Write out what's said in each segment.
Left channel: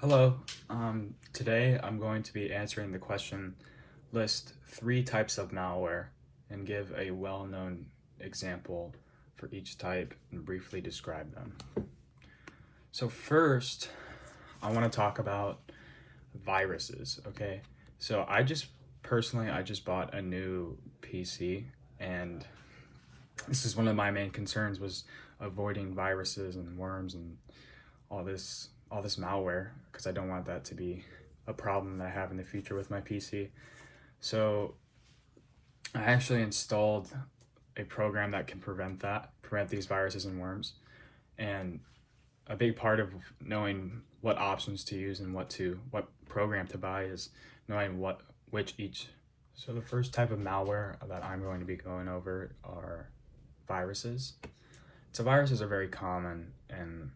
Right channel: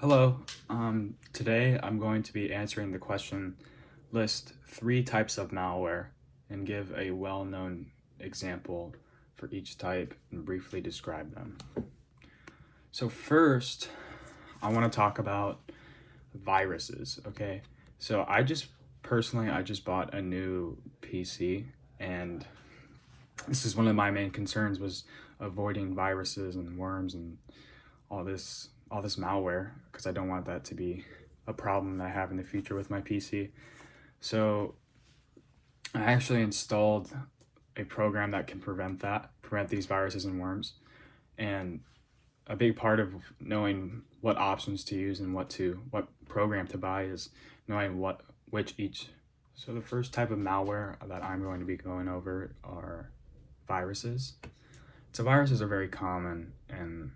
Hello. Today I'm going to be answering the question, list 3 types of malware and give a well-known example for each type and briefly describe them. So first, I want to talk about viruses, okay? So I just bought a new PC, and this is one of my main concerns was avoiding viruses and worms and all this malware, because I don't want that to be a problem that I have in the future with my PC. So I actually installed a program that can prevent these viruses and worms. And a big part of knowing what options to use and what program to buy is knowing which each. So the first type of malware that I'm going to be going over are viruses. So viruses are very common, and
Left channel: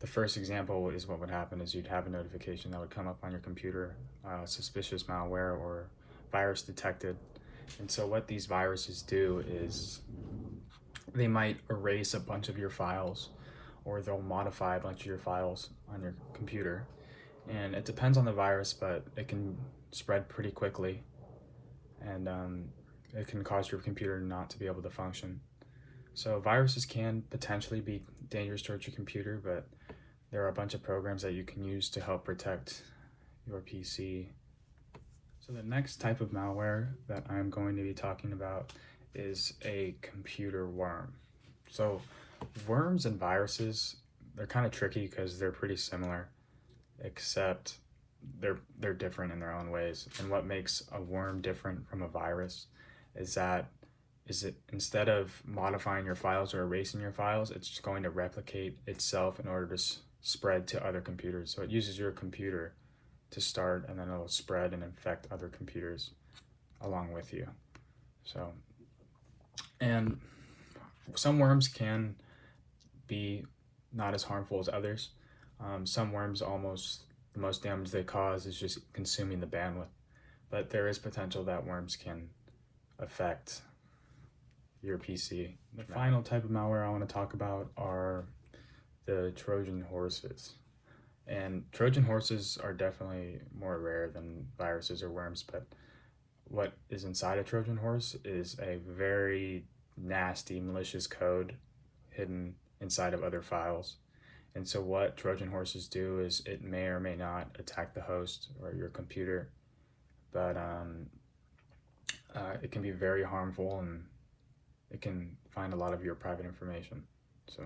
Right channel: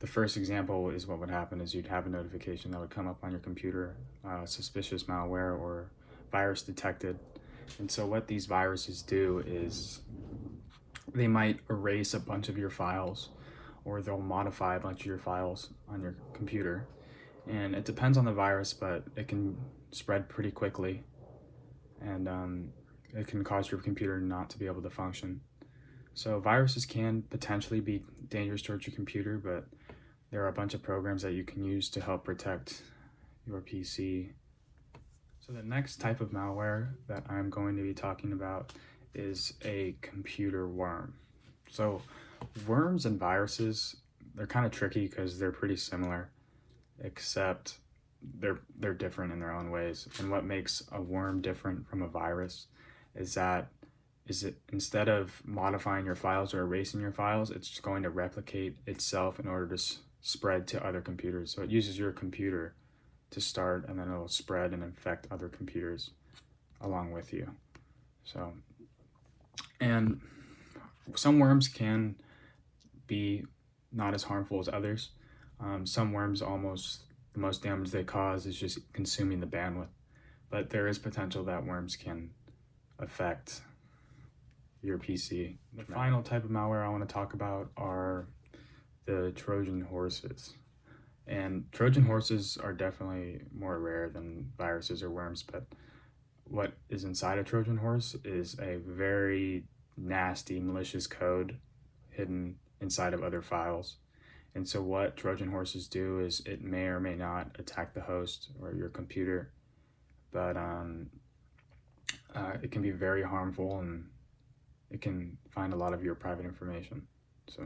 the first example is what would happen is you'd have a notification that would come up on your computer, suspicious malware or virus detected. And so what these viruses do is they might erase a bunch of your files, or they'll modify a bunch of your files on your computer. And it depends on the virus, but it can spread pretty quickly, and it can cause your computer not to be able to function. So viruses can potentially be dangerous towards your computer, but there are a bunch of programs that you can use to help protect your PC. So the next type of malware that I'm going to be talking about is a computer worm. So worms and viruses, they're kind of tricky because they're pretty similar, except they're different in their own ways. And what makes a worm different from a virus is that instead of modifying your files or erasing your files, it's just going to replicate itself in order to spread to other computers. So it uses your computer to start, and then it'll spread and infect other computers along with you. So, and some worms can be not as harmful as others. Some worms, almost the most damage they cause is just consuming the bandwidth, but there is potential that worms can affect your PC. The final type of malware I want to talk about are the Trojan horses. And Trojan horses are definitely more rare than viruses or worms, but what is inside a Trojan horse is a very nasty, malicious code hidden inside of other files. And so what Trojan horses do is it may or may not attack the host or your computer, but it can be very harmful, and it can find a lot of your private information. So